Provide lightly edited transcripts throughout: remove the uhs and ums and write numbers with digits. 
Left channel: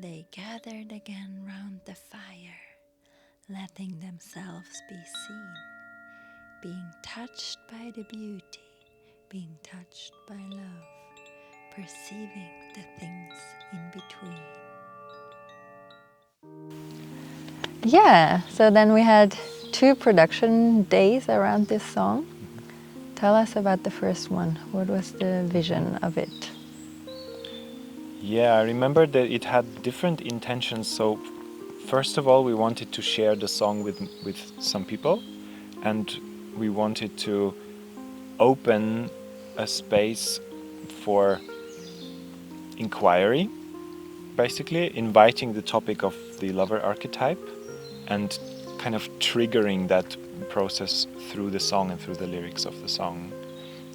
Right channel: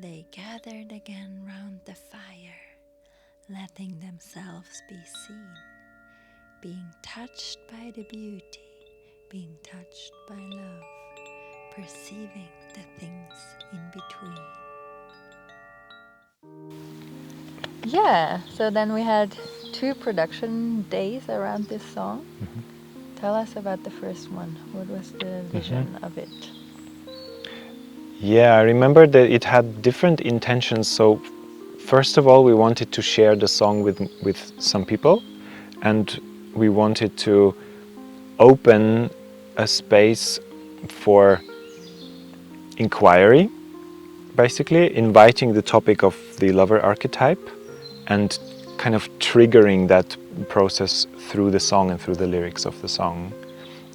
They gathered again round the fire, letting themselves be seen, being touched by the beauty, being touched by love, perceiving the things in between. Yeah, so then we had 2 production days around this song. Tell us about the first one. What was the vision of it? Yeah, I remember that it had different intentions. So first of all, we wanted to share the song with some people, and we wanted to open a space for inquiry, basically inviting the topic of the lover archetype and kind of triggering that process through the song and through the lyrics of the song,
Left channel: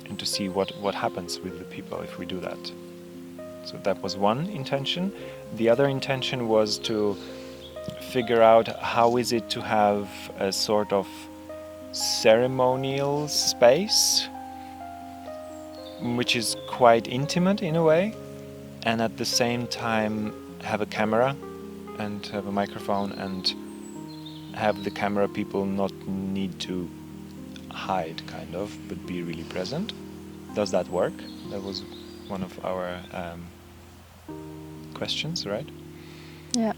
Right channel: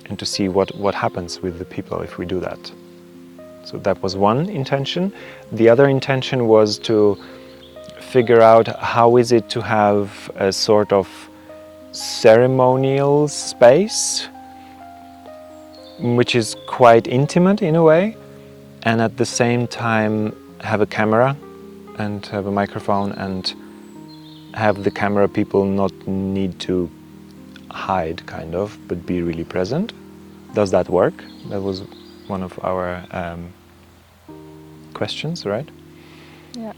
and to see what happens with the people if we do that. So that was one intention. The other intention was to figure out how is it to have a sort of ceremonial space, which is quite intimate in a way, and at the same time have a camera and have a microphone and have the camera people not need to hide, kind of, but be really present. Does that work? That was one of our questions, right? Yeah.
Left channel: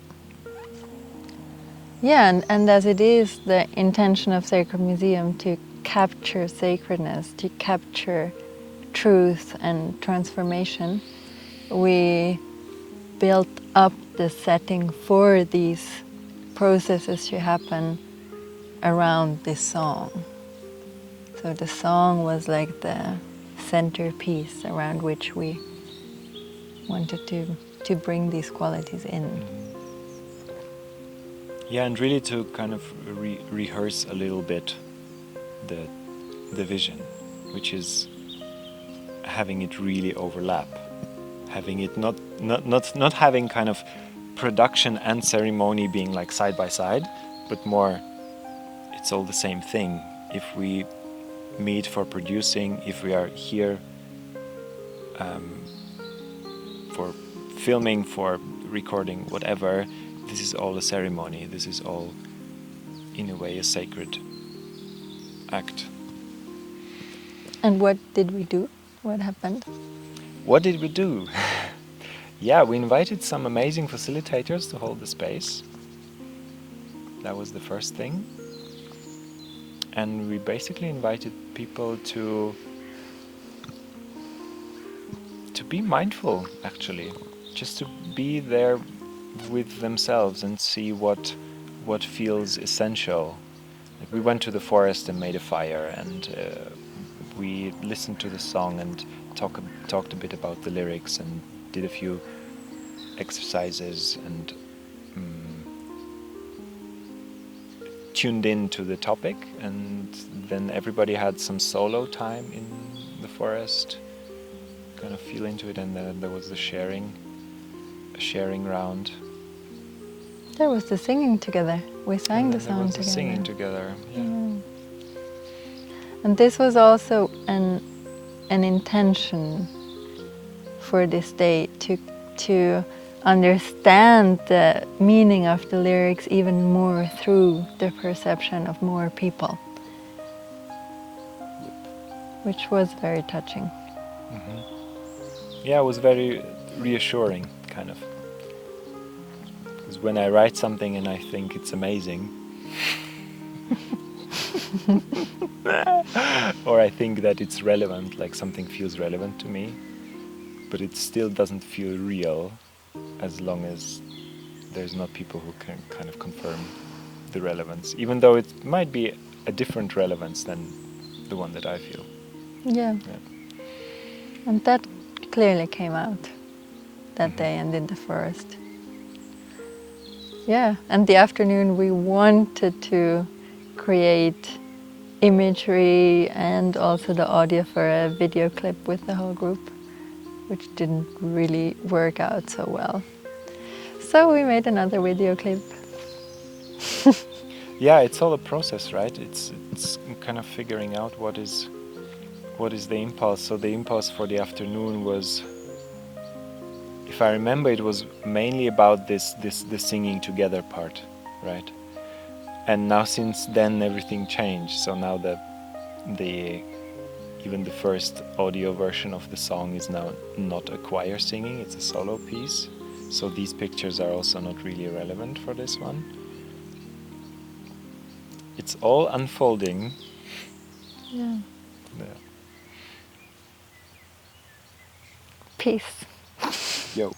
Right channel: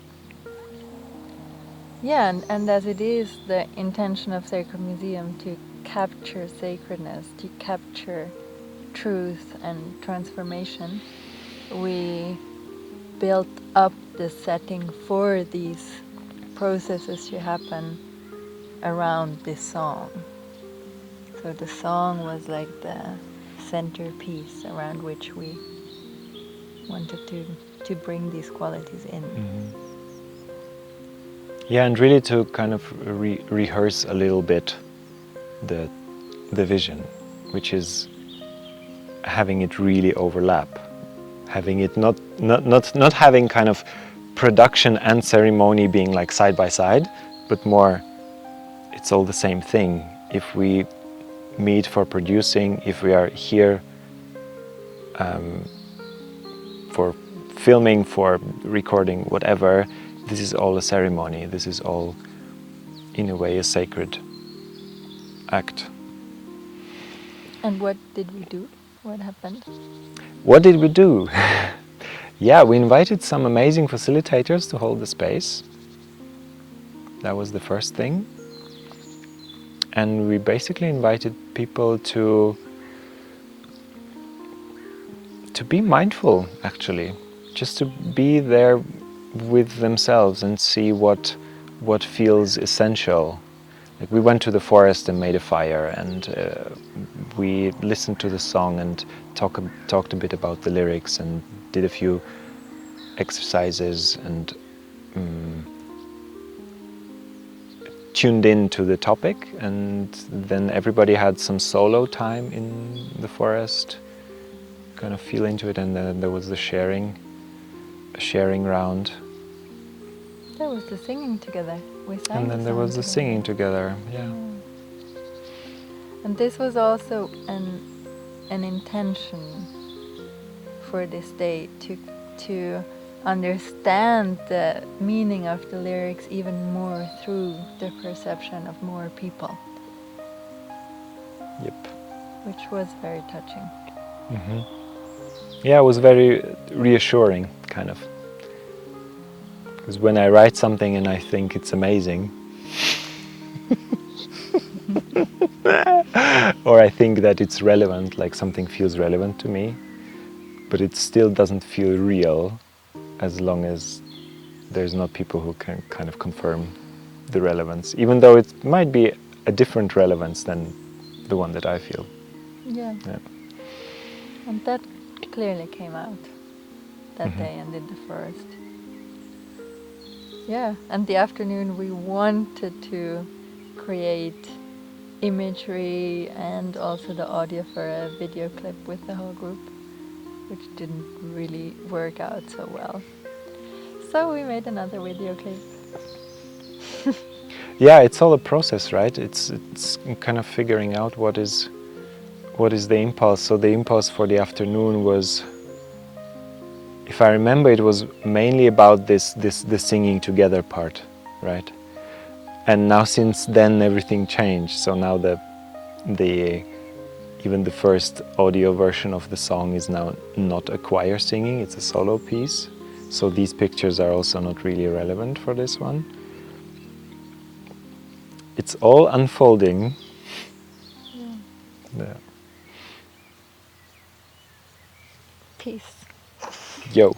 Yeah, and as it is the intention of Sacred Museum to capture sacredness, to capture truth and transformation, we built up the setting for these processes to happen around this song. So the song was like the centerpiece around which we wanted to bring these qualities in. Yeah, and really to kind of rehearse a little bit the vision, which is having it really overlap, having it not having kind of production and ceremony being like side by side, but more it's all the same thing. If we meet for producing, if we are here for filming, for recording, whatever, this is all a ceremony. This is all, in a way, a sacred act. And what did we do? What happened? What did we do? Yeah, we invited some amazing facilitators to hold the space. That was the first thing. And we basically invited people to be mindful, actually. Just to be there with themselves and see what feels essential. Like, we went to the forest and made a fire, and we listened to the song and talked a bit about the lyrics and did a few exercises and tuned in to the topic, and then everybody had some solo time in the forest, kind of feel into it, and then there was the sharing round. There was the singing together. We sang the song together. And then there was the singing together, yeah. And this was also an intention for this day, to understand the meaning of the lyrics even more through the perception of more people. Yep. Which was very touching. Mm-hmm. Yeah, it was very reassuring, kind of. Because when I write something and I think it's amazing, or I think that it's relevant, like something feels relevant to me, but it still doesn't feel real as long as there's not people who can kind of confirm the relevance, even though it might be a different relevance than the one that I feel. Yeah. And that clearly came out that day and in the forest. Yeah, and the afternoon we wanted to create imagery and also the audio for a video clip with the whole group, which didn't really work out so well. So we made another video clip. Yeah, it's all a process, right? It's kind of figuring out what is the impulse. So the impulse for the afternoon was if I remember, it was mainly about the singing together part, right? And now since then everything changed. So now even the first audio version of the song is now not a choir singing, it's a solo piece. So these pictures are also not really relevant for this one. It's all unfolding. Yeah. Peace. Yo.